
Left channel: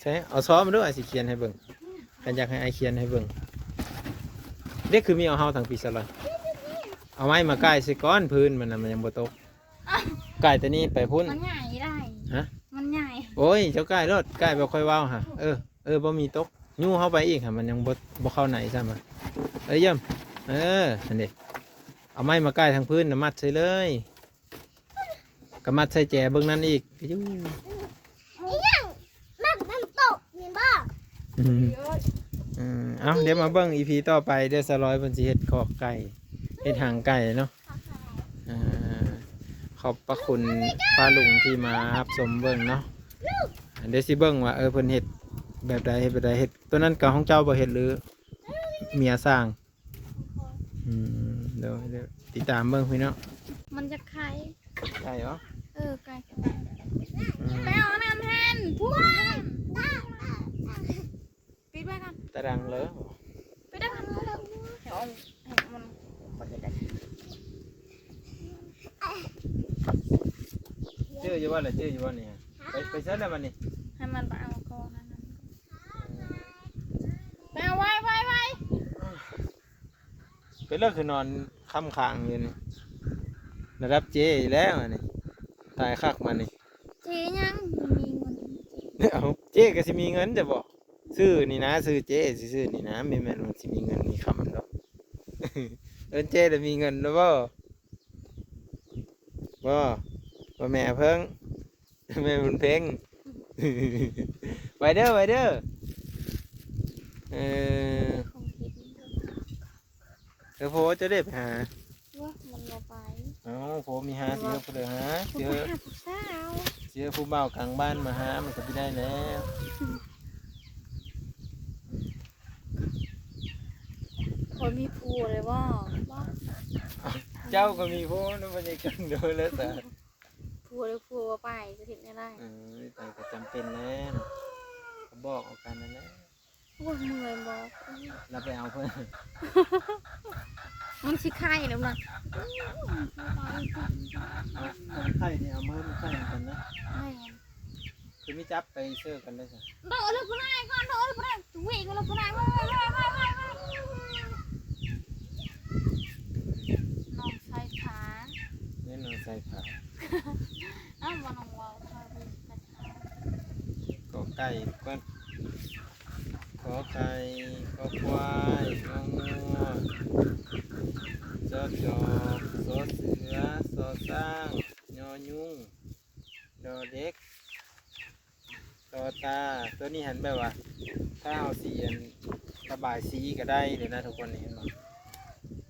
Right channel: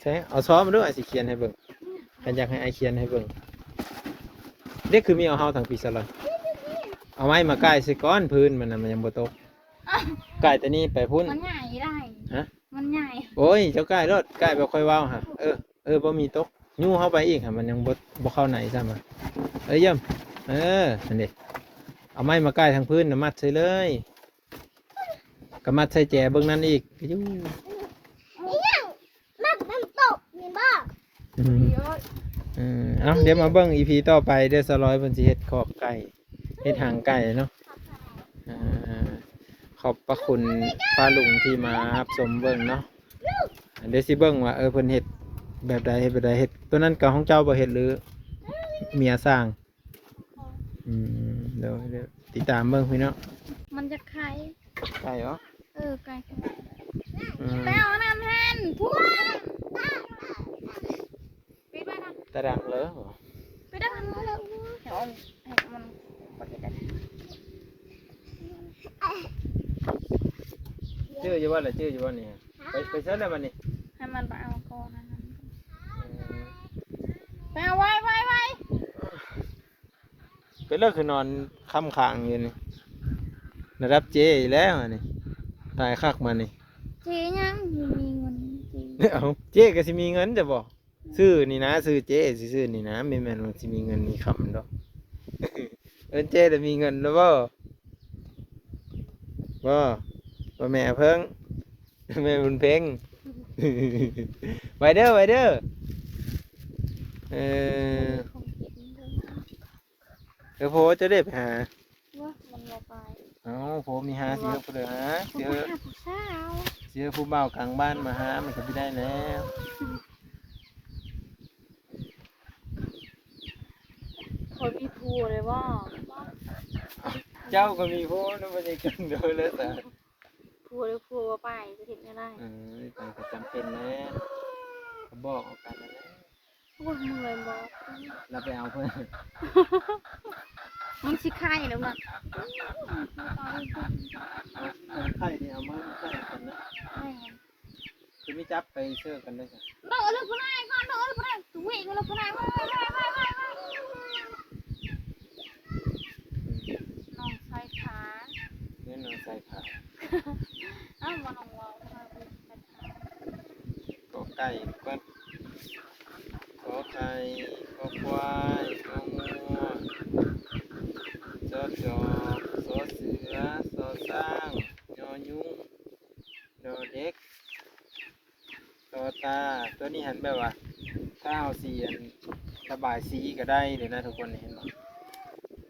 ใช่เอาซ้อมมาด้วยสิเขียนให้เบิ่งฉันอยากให้ไอเขียนให้เบิ่งเด็กคือมีเอาเฮาทางปีศาจเอาไม้มาใกล้สิก้อนพื้นมันน่ะมันยังบ่ตกใกล้แต่นี่ไปพุ่น มันใหญ่ได้ ฮะ มันใหญ่ โอ้ยเจ้าใกล้รถใกล้บ่ค่อยว้าวฮะบ่มีตกยู่เข้าไปอีกฮะมันยังบ่เข้าไหนซ้ำอ่ะเยี่ยมนั่นดิเอาไม้มาใกล้ทางพื้นน่ะมัดใส่เลยก็มัดใส่แจเบิ่งนั่นอีกยู่ นี่ยังนักน้ำตกนี่บ้า เยอะ เอาเดี๋ยวมาเบิ่ง EP ต่อไปเดี๋ยวสลอยเพิ่นสิเฮ็ดขอบไก่เฮ็ดหางไก่เนาะขอบพระคุณป้าลุงที่มารับชมเบิ่งเนาะเดี๋ยวสิเบิ่งว่าเพิ่นเฮ็ดแบบใดเฮ็ดตัวนั้นกับของเจ้าบ่เฮ็ดหรือเมียสร้างเดี๋ยวติดตามเบิ่งพี่เนาะ มันจะไข่ ใช่เหรอ ไก่ไปเอาน้ำแทนทุกปิดไปก่อน ตารางเลย ปิดได้ก่อนมัน ชื่ออยู่บ่ล่ะชื่ออยู่บ่นี่ไปเซิร์ชได้บ่นี่ ให้มันไปเอาก่อนไปเอาไว้ ไปเลิกคือนอนค่ำค้างอยู่นี่ระดับเจอีกแล้วอันนี่ตายคักมานี่ เจ๊ยังมีเงินเจ๊ เอาเจ๊ก็สิมีเงินจะบอกซื้อนี่นะซื้อเจ๊สิซื้อนี่นะไม่แม่นว่าสิมีเงินมีคำดอก เอิ้นเจ๊จะมีเงินแล้วบ่บ่แม่เพิ่ง แม่บุญเพ็ง ไว้เด้อเออ ของเก็บเงินเถอะ เดี๋ยวโพจะได้ไปหา ว่ามันบ่ไป เอ้าโพมีหาสิครับเพิ่นหาเจอ ผู้สาว เจอผู้บ่าวกลางบ้านมาหามันก็ไม่ได้แล้ว เขามีผัวเลยว่า เจ้าก็มีโพนะบ่ได้กันเด้อแล้วแต่ ผัวเลยผัวไปจะเห็นไม่ได้ ไปก็จำเป็นแล้วก็บอกเอากันนั่นแหละ โอ้ยเมื่อยบอก เราไปเอาเพิ่น มึงชิคายแล้วนะ เอาคนไข้นี่เอามาใส่กันนะ แม่ คือไม่จับไปเชื่อกันได้ค่ะ โดนลูกผู้นายก่อนโดนลูกผู้นายวิ่งลูกผู้นายน้องใส่ขา เน้นเอาใส่ขาว อ้าวมันน้องวาว ก็ไก่ก้อนขอไข่ขอควายของัวจอจอกสอเสือสอสร้างยอยุ่งดอเด็กต่อตาตัวนี้หันแบบว่าถ้าเอาสีอันระบายสีก็ได้เลยนะทุกคนเห็นไหม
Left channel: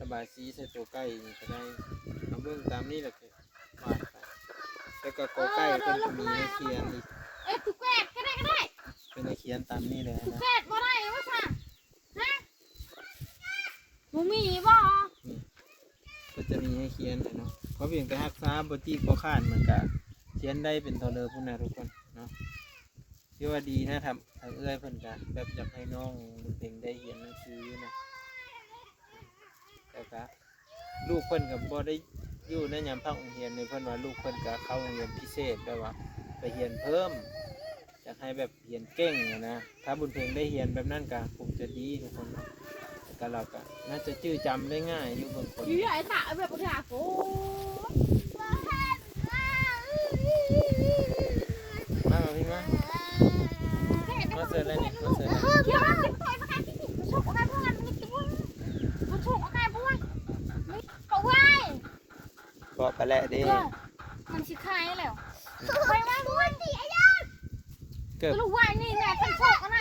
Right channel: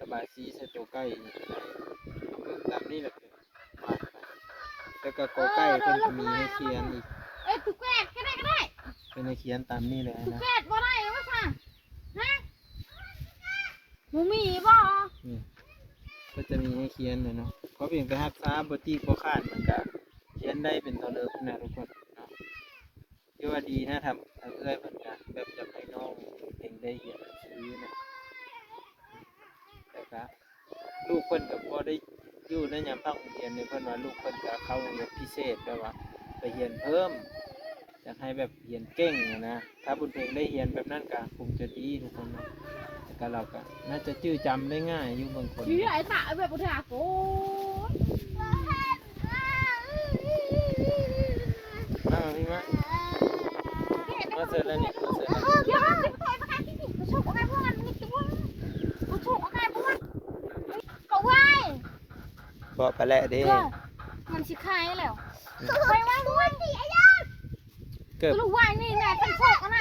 ระบายสีใส่ตัวใกล้ก็ได้เอาเบิ่งตามนี้แหละคือวาดไปแต่ก็กอใกล้เพิ่นก็มีให้เขียนอีก เอ้ยถูกแกดก็ได้ เป็นให้เขียนตามนี้เลยนะ แกดบ่ได้ว่าค่ะฮะมึงมีบ่ นี่ก็จะมีให้เขียนเลยเนาะเพราะเพียงแต่ฮักษาบตี้ก็ขาดมันก็เขียนได้เป็นเท่าเดิมพุ่นนะทุกคนเนาะที่ว่าดีนะทำเอื้อยเพิ่นก็แบบอยากให้น้องเพ่งได้เขียนหนังสือนะแต่ก็ลูกเพิ่นกับพอได้อยู่ในยามพักโรงเรียนเนี่ยเพิ่นว่าลูกเพิ่นก็เข้าโรงเรียนพิเศษแบบว่าไปเรียนเพิ่มอยากให้แบบเรียนเก่งอะนะถ้าบุญเพลงได้เรียนแบบนั้นก็คงจะดีทุกคนเนาะแต่ก็เราก็น่าจะจื้อจำได้ง่ายอยู่บางคน มีไอ้ตาแบบบ่ได้โอ้ มาพี่มาเสร็จแล้วนี่มาเสร็จแล้ว เดี๋ยวมันไปประกันที่สิเขาชกอะไรพวกมันตัวเขาชกอะไรพวกมันเขาไว้ บอกไปแล้วเด้ มันชิคายแล้วไปไว้ด้วยดิไอ้ยา เกือบ ลูกไว้นี่ไงพันโชกกันไหน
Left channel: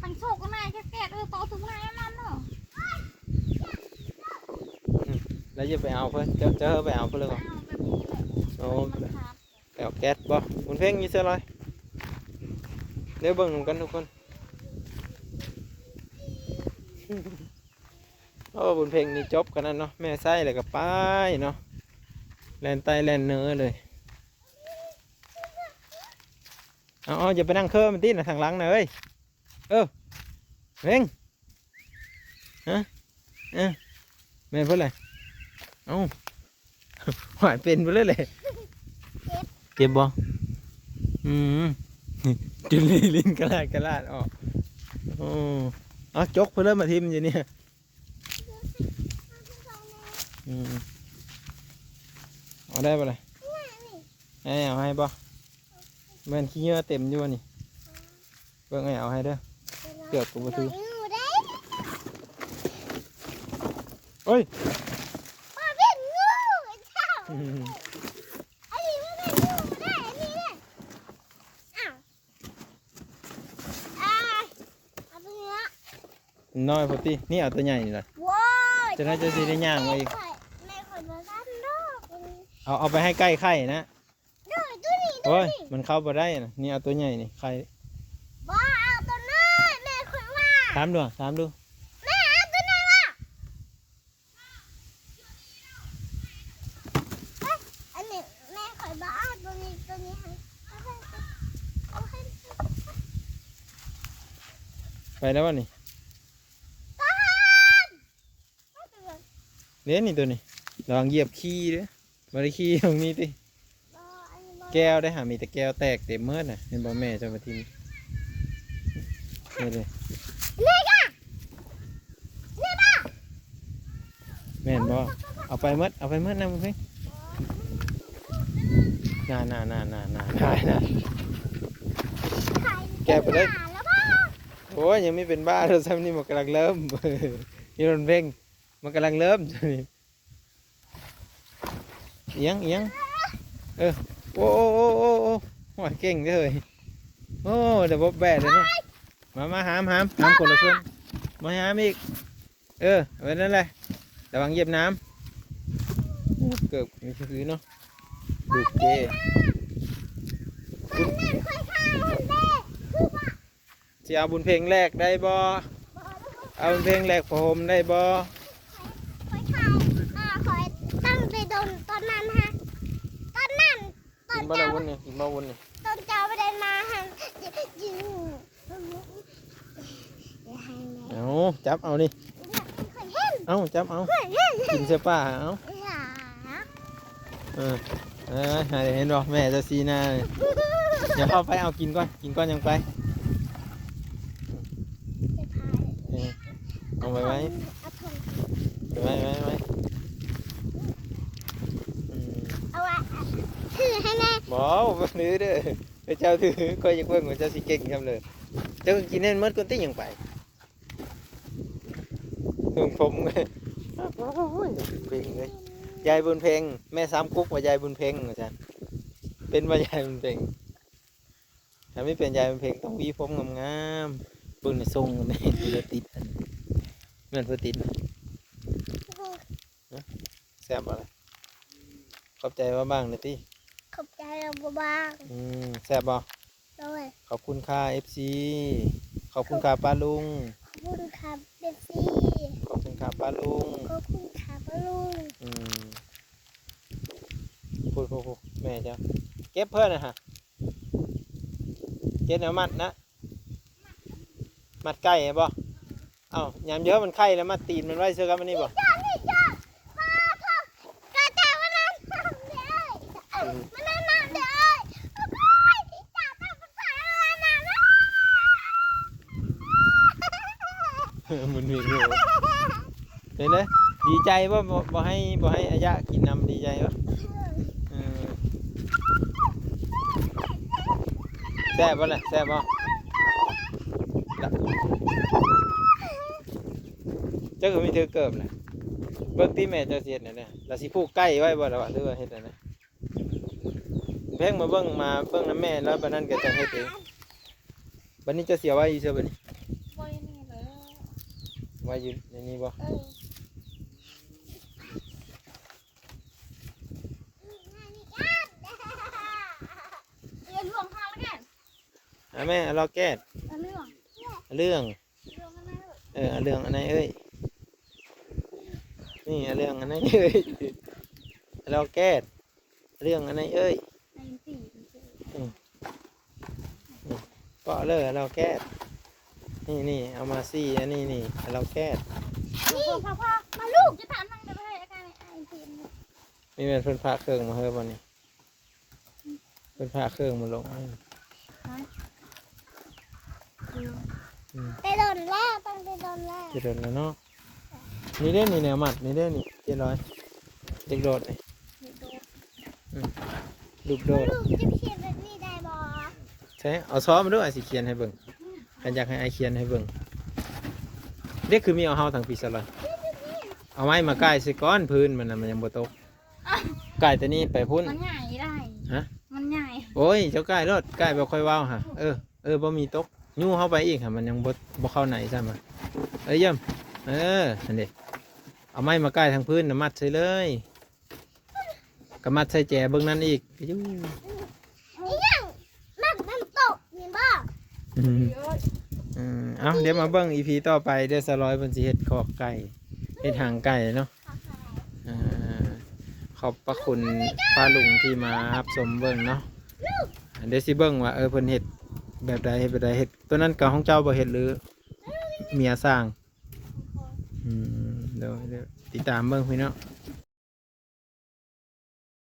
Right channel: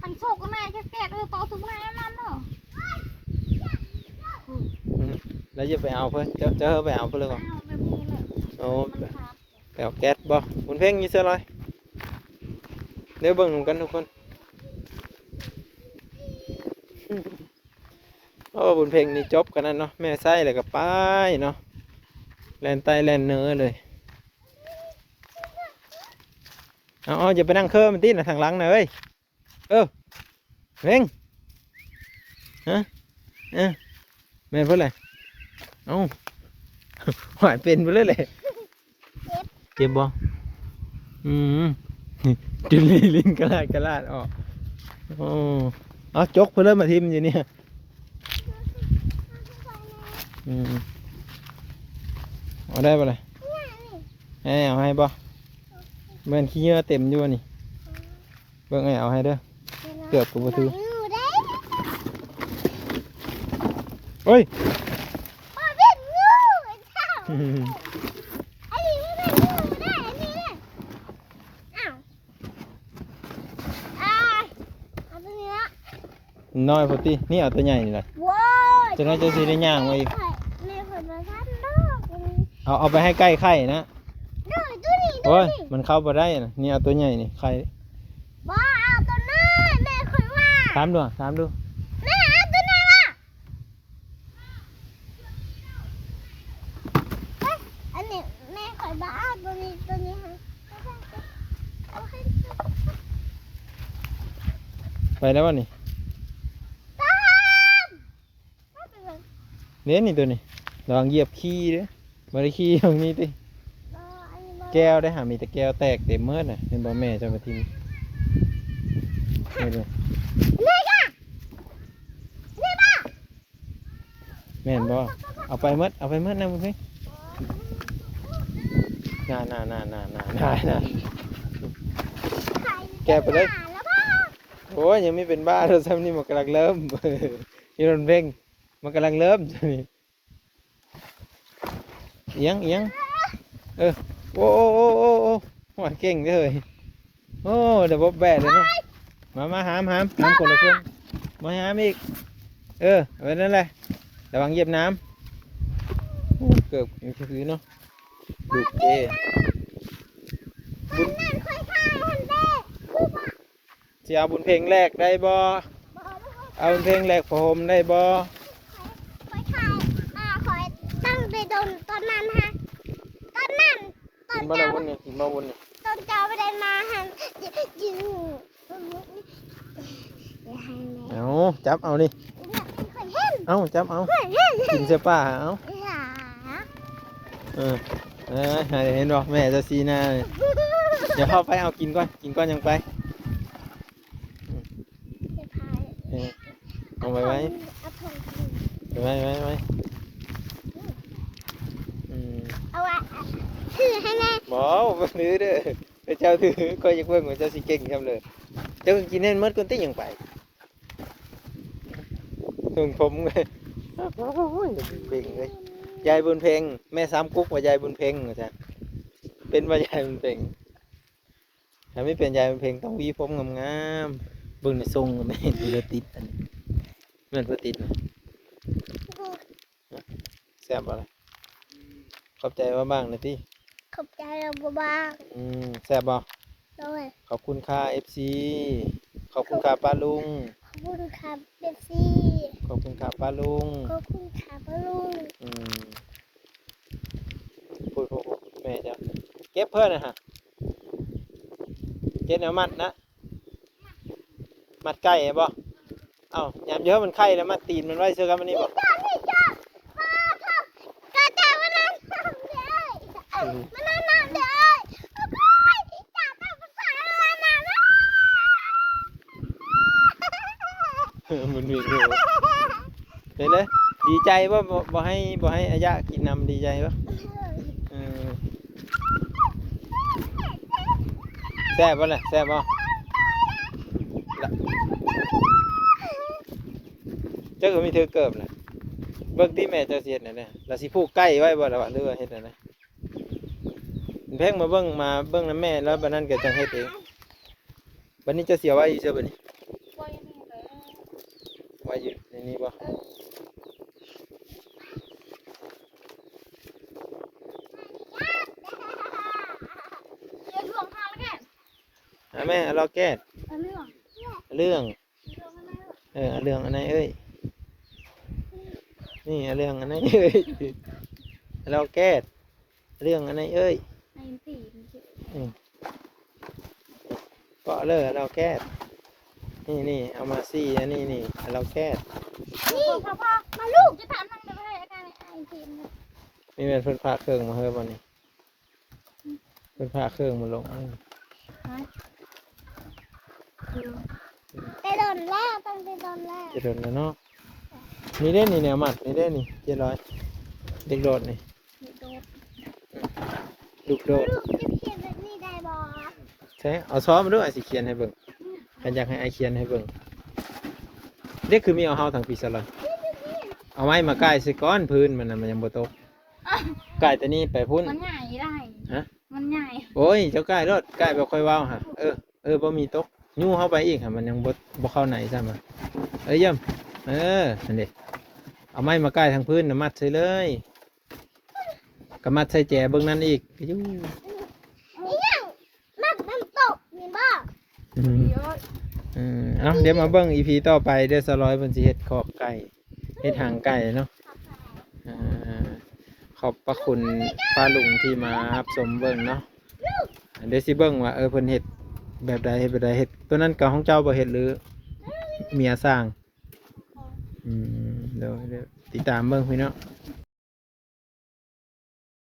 พันโชกกันไหนแก่ๆต่อถึงไหนมันเนาะ แล้วจะไปเอาเพิ่นเจอไปเอาเพิ่นเลยก่อนโอ้ไปเอาแก๊สบ่บุญเพ่งอยู่เสื้อลอยเดี๋ยวเบิ่งกันทุกคนโอ้บุญเพ่งนี่จบกันนั่นเนาะแม่ไส้แล้วก็ไปเนาะแลนไตแลนเนื้อเลยเอาอย่าไปนั่งเคอมันตีนะทางหลังนะเอ้ยเร่งฮะแม่เพิ่นเลยเอ้าหายเป็นไปเลยเจ็บบ่จุลีลิ้นกระลาดออกโอ้เอาจกเพิ่นมาทิมอยู่เนี่ยเอาได้ปะเลยเอาให้บ่เบิ่งขี้เหงื่อเต็มอยู่นี่เบิ่งเอาให้เด้อเกือบกูบ่ถือโอ้ย พ่อเป็นงูเจ้าไอ้นี่เป็นงูได้อันนี้เลยอ้าวเอาตัวนี้ละ น้อยพอตีนี่เอาตัวใหญ่นี่แหละ ว้าว จะน่าจะสิได้ย่างมาอีก ในคนมาทำดอก เอาไปให้ใกล้ไข่นะ ดูตัวนี้ดู โอ้ย นี่ มันเข้าบ่ได้นะนี่เอาตัวใหญ่นี่ไข่ บ้าเอาตัวน้อยแม่คนว่า ถามดู แม่เอาตัวน้อยว่ะอันนี้แม่คอยบ้าตัวนี้ให้เอาให้ ไปแล้ววะนี่ ตาม เน้นนี่ตัวนี้ลองเหยียบขี้เด้อบริขี้ตรงนี้ติแก้วได้หามีแต่แก้วแตกเต็มเมื่อน่ะเห็นบ่แม่จะมาทิ้งนี่ดู นี่จ้ะนี่บ้า แม่นบ่เอาไปเมื่อนะมึงเฮ้ย น่า แกะไปเลย แล้วพ่อ โอ้ยยังไม่เป็นบ้าเราซ้ำนี่มันกำลังเริ่ม ยี่รนเพ่งมันกำลังเริ่มนี่เอียงโอ้หัวเก่งเลยโอ้เดี๋ยวบ๊อบแบะเลยเนาะมาหามคนละเส้นมาหามอีกไว้นั่นแหละระวังเหยียบน้ำโอ้เกือบมีคือเนาะดูเจบุญ นั่นค่อยข้าวคนเด้คือว่า จะเอาบุญเพลงแรกได้บ่เอาบุญเพลงแรกผมได้บ่ ค่อยข้าวคอยตั้งไปโดนตอนนั้นฮะตอนนั้นตอ กิ น นมา เจ้า แล้ววันนี้กินมาวันนี้ ตอนเจ้าไปเดินมาฮะยืนอย่าให้แม่ เอาจับเอานี่ อย่าให้เห็น เอาจับเอากินเสื้อป้าเอา อย่า เห็นบ่แม่จะซีหน้าเลยเดี๋ยวเข้าไปเอากินก่อนยังไป จะพาย เอาไว้ เอาถุง ไว้เอาไว้ถือให้แม่ บ่บ่ถือเด้อเจ้าถือก็ยังเบิ่งว่าเจ้าสิเก่งจังเลยเจ้ากินให้หมดก่อนติยังไปถึงผมเลยโอ้ยเก่งเลยยายบุญเพ็งแม่ซ้ำกุ๊กว่ายายบุญเพ็งว่าซั่นเป็นว่ายายบุญเพ็งถ้าไม่เป็นยายบุญเพ็งต้องหวีผมงามๆเบิ่งในทรงแม่ดูแล้วติดอันเหมือนบ่ติดนะแซ่บอะไรขอบใจว่าบ้างนะติ ขอบใจเราบ้าง แซ่บบ่ ด้วย ขอบคุณค่ะ FC ขอบคุณค่ะป้าลุง ขอบคุณครับเบสซี่ ขอบคุณค่ะป้าลุง ขอบคุณครับลุง พูดแม่จ้ะเก็บเพื่อนนะฮะเก็บแนวมัดนะมัดไก่บ่เอ้ายามเยอะมันไข่แล้วมัดตีนมันไว้เสื้อกันมันนี่บ่ จ้าจ้ามานั่งน้ำเด้อมานั่งน้ำเด้อจ้าจ้าภาษาอะไรนะ มันมีอยู่เลยดีใจว่าบ่ให้อายะกินน้ำดีใจวะแซ่บบ่ล่ะแซ่บบ่เจ้าก็มีเธอเกิบเลยเบิ่งที่แม่เจ้าเสียดน่ะเนี่ยเราสิผูกใกล้ไว้บ่ล่ะว่าหรือว่าเฮ็ดน่ะนะเพ่งมาเบิ่งน้ำแม่แล้วบัดนั้นก็จังเฮ็ดเองบัดนี้จะเสียไว้อีเสียบัดนี้ไว้อยู่ในนี้บ่ เรียนหลวงพาแล้วกัน แม่เราแก้ เรื่อง เรื่องอันไหนเอ้ยนี่เรื่องอันไหนเอ้ยเราแก้เรื่องอันไหนเอ้ย ในปี ก็เลยเราแก้นี่เอามาซี่อันนี้เราแก้ นี่พ่อมาลูกจะถามทางเดินให้กันไอ้ทีม นี่เป็นเพิ่นพาเครื่องมาเฮ้ยบ่นี่เพิ่นพาเครื่องมาลง ไปโดนแล้วต้องไปโดนแล้ว จะโดนแล้วเนาะนี่เด้นี่แนวมัดนี่เด้นี่700เด็กโดดนี่ลูกโดด ลูกจะเขียนแบบนี้ได้บ่ ใช่เอาซ้อมมาด้วยสิเขียนให้เบิ่งฉันอยากให้ไอเขียนให้เบิ่งเด็กคือมีเอาเฮาทางปีศาจเอาไม้มาใกล้สิก้อนพื้นมันน่ะมันยังบ่ตกใกล้แต่นี่ไปพุ่น มันใหญ่ได้ ฮะ มันใหญ่ โอ้ยเจ้าใกล้รถใกล้บ่ค่อยว้าวฮะบ่มีตกยู่เข้าไปอีกฮะมันยังบ่เข้าไหนซ้ำอ่ะเยี่ยมนั่นดิเอาไม้มาใกล้ทางพื้นน่ะมัดใส่เลยก็มัดใส่แจเบิ่งนั่นอีกอยู่ นี่ยังนักน้ำตกนี่บ่ เยอะ เอาเดี๋ยวมาเบิ่ง EP ต่อไปเดี๋ยวสลอยเพิ่นสิเฮ็ดคอกไก่เฮ็ดหางไก่เนาะขอบพระคุณป้าลุงที่มารับชมเบิ่งเนาะเดี๋ยวสิเบิ่งว่าเพิ่นเฮ็ดแบบใดเฮ็ดตัวนั้นกับของเจ้าบ่เฮ็ดหรือเมียสร้างเดี๋ยวติดตามเบิ่งพี่เนาะ